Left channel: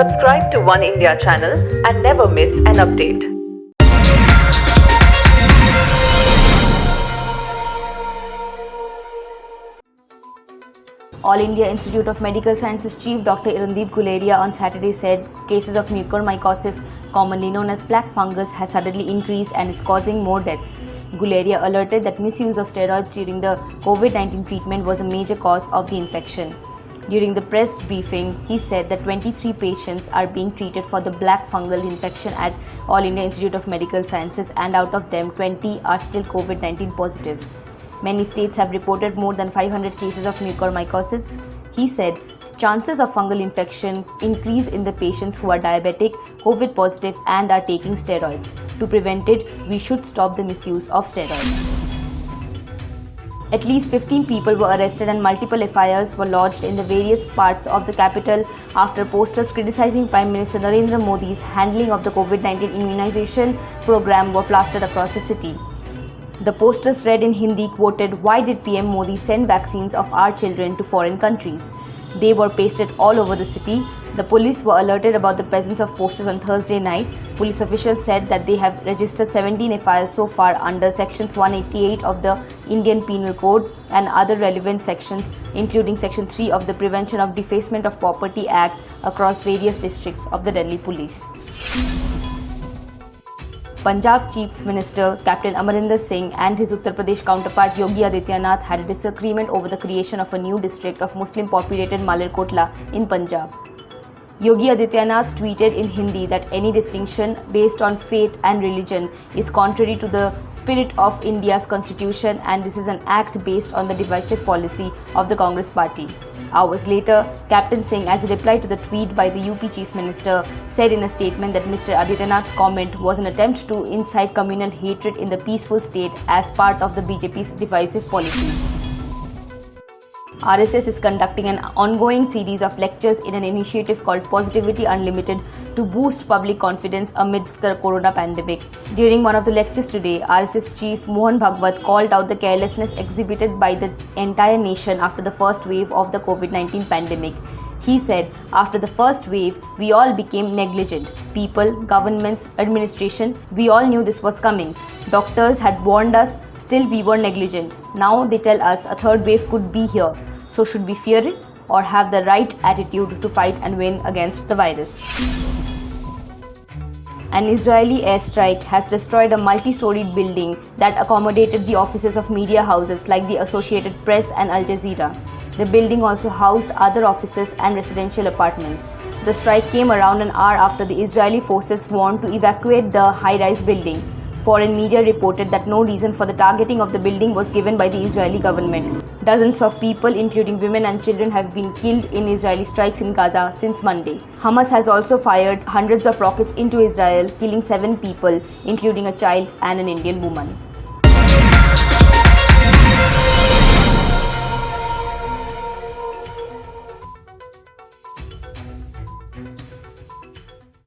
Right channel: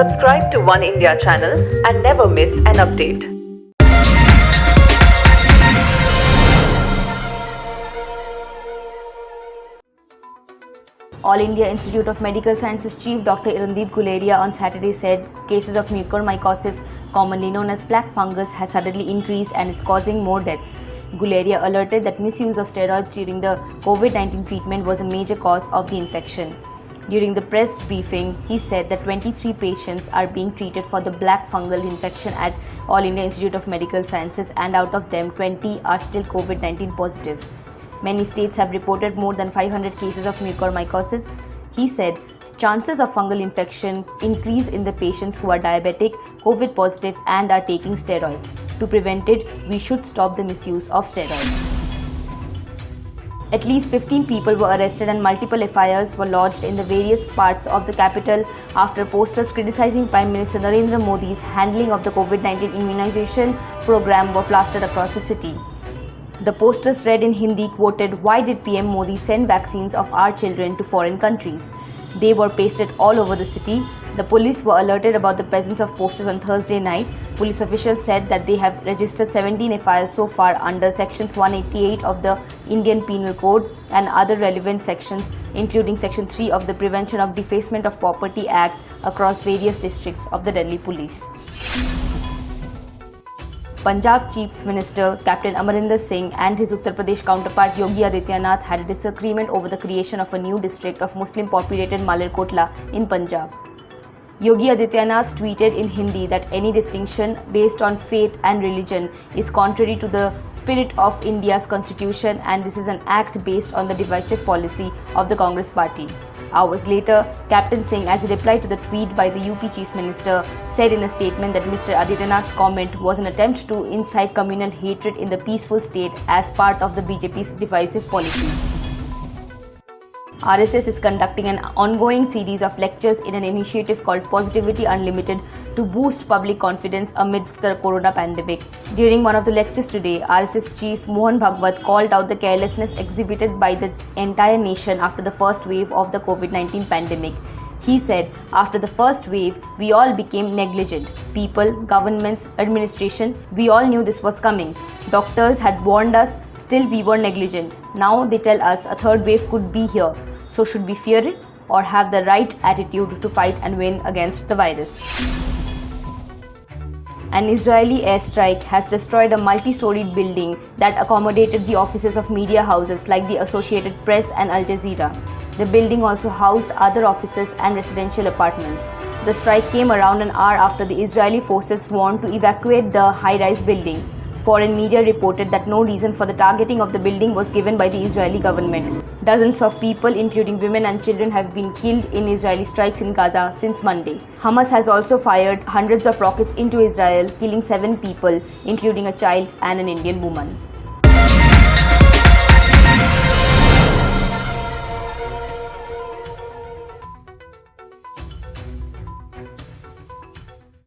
Subscribe to One India channel and never miss an update. All India Institute of Medical Sciences Chief Dr. Irandeep Guleria on Saturday said cases of mucormycosis, commonly known as black fungus, has suddenly increased and is causing more deaths. Guleria alerted that misuse of steroids during the COVID-19 treatment was a major cause of the infection. During the press briefing, he said that 23 patients are being treated for the black fungal infection at All India Institute of Medical Sciences, and out of them 20 are still COVID-19 positive. Many states have reported more than 500 cases of mucormycosis. He said chances of fungal infection increase in the patients who are diabetic, COVID positive and are taking steroids. To prevent it, we should stop the misuse of steroids. At least 15 people were arrested and multiple FIRs were lodged in the various parts of the capital after posters criticizing Prime Minister Narendra Modi's handling of the COVID-19 immunization program were plastered across the city. The posters read in Hindi quoted, "Why did PM Modi send vaccines of our children to foreign countries?" They were pasted all over the city. The police were alerted about the presence of posters on Thursday night. Police officials said that they have registered 17 FIRs so far under sections 188 of the Indian Penal Code and other relevant sections, including section 3 of the Prevention of Defacement of Property Act, across various districts of the Delhi Police. Punjab Chief Minister Captain Amarinder Singh and his Uttar Pradesh counterpart Yogi Adityanath had a disagreement over the creation of a new district of Muslim populated Malerkotla in Punjab. Yogi Adityanath tweeted in Hindi that any distinction based on faith and religion is contrary to the spirit of India's constitution, and this is an act based on the divisive policy of the Congress party. Hours later, Captain Singh, as a reply to the tweet by the UP Chief Minister, said in a statement that Mr. Adityanath's comment was an attempt to incite communal hatred in the peaceful state as part of the BJP's divisive policy. RSS is conducting an ongoing series of lectures in an initiative called Positivity Unlimited to boost public confidence amidst the corona pandemic. During one of the lectures today, RSS Chief Mohan Bhagwat called out the carelessness exhibited by the entire nation after the first wave of the COVID-19 pandemic. He said, after the first wave, we all became negligent. People, governments, administration, we all knew this was coming. Doctors had warned us, still we were negligent. Now they tell us a third wave could be here. So should we fear it or have the right attitude to fight and win against the virus? An Israeli airstrike has destroyed a multi-storied building that accommodated the offices of media houses like the Associated Press and Al Jazeera. The building also housed other offices and residential apartments. The strike came around an hour after the Israeli forces warned to evacuate the high-rise building. Foreign media reported that no reason for the targeting of the building was given by the Israeli government. Dozens of people, including women and children, have been killed in Israeli strikes in Gaza since Monday. Hamas has also fired hundreds of rockets into Israel, killing 7 people, including a child and an Indian woman.